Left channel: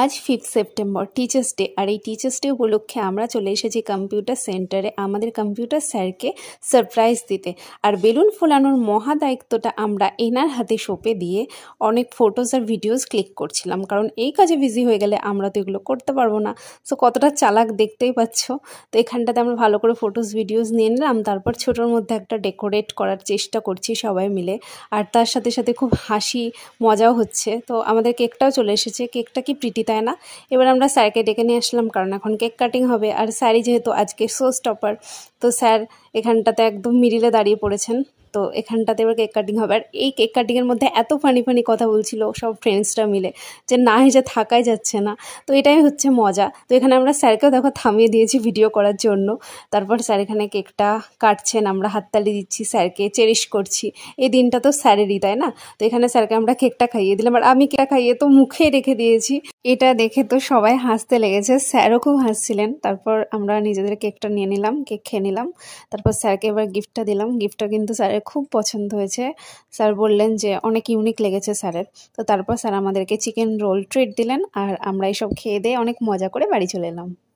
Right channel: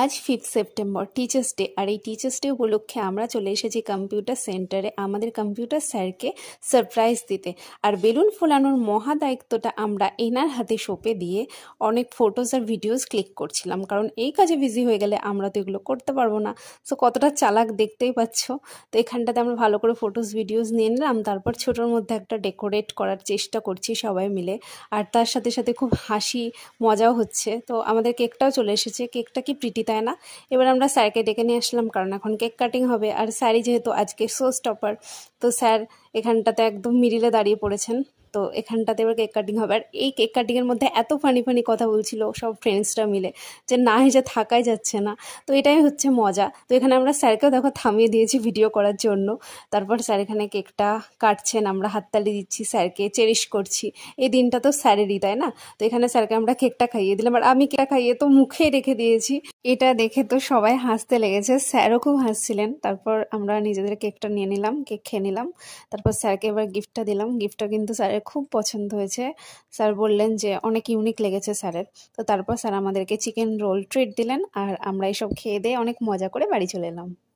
আজ 5 September teachers day. আর এই teachers day উপলক্ষে আমরা চলে এসেছি কম্পিউটার সেন্টারে আমাদের কম্পিউটার স্যারকে সারপ্রাইজ দিতে। আর বেলুন ফোলানোর মহা দায়িত্বটা আমরা এনার হাতে সঁপে দিয়ে অনেক ফটোস আর ভিডিওস ক্লিক করছিলাম, কারণ এই কাজে বিজি হয়ে গেলে আমরা তো এগুলো করতে পারবো না। সো কতটা চালাক দেখতেই পাচ্ছ। তো এখানটাতে আমরা ভালো করে ফটোস ভিডিওস নিয়ে নিলাম, তারপর ছোটোর মধ্যে একটা ডেকোরেট করার চেষ্টা করছি সবাই মিলে। আর তার সাথে সাথে খুব হাসি মজাও হচ্ছে। তো আমাদের কেকটাও চলে এসেছে। কেকটা কি প্রিটি, তাই না? এবার আমরা স্যারকে ডেকে নিয়ে আসলাম, কারণ এখন কেক কাটিং হবে। আর স্যারই যেহেতু আজকে শো স্টপার, তো স্যার এখানটাতে একদম মিডিলে দাঁড়িয়ে পড়েছেন। তো এখানটাতে এবার কেক কাটিং হবে। আর এই কেক কাটিংয়ের মধ্যে এত ফানি ফানি কথা বলছিল সব ফ্রেন্ডসরা মিলে যে না হেসে থাকাই যাচ্ছে না। তো এটাই হচ্ছে মজা। তো এখানে আমরা স্যারকেও দেখো থামিয়ে দিয়েছি ভিডিও করার জন্য। তারপর স্যার এখানে কেকটা কাটছেন, আমরা হাততালি দিচ্ছি, স্যারকে চেরিশ করছি। এই দিনটা তো স্যারেরই, তাই না? তো এখানে স্যারকে আমরা কেকটা খাইয়ে দিলাম, আর আমি কেকটা খাইয়ে তো মুখে রেখে দিয়েছি। এটা দেখে তো সবাই হাসতে লেগেছে, স্যারও খুব হাসছিলেন। তারপর আমরা নিজেদের কেকটা নিয়ে নিলাম, কেক খেয়ে নিলাম। তারপর স্যারকে এবার গিফটটা দিলাম। গিফটটা কিন্তু স্যারের খুব পছন্দ হয়েছে। স্যার বললেন যে অনেক ইউনিক লেগেছে স্যারের। তো তারপর স্যার আমাদেরকে চিকেন রোল ট্রিট দিলেন, আর আমরা এইসব খেয়ে দিয়ে অনেক মজা করে বাড়ি চলে এলাম।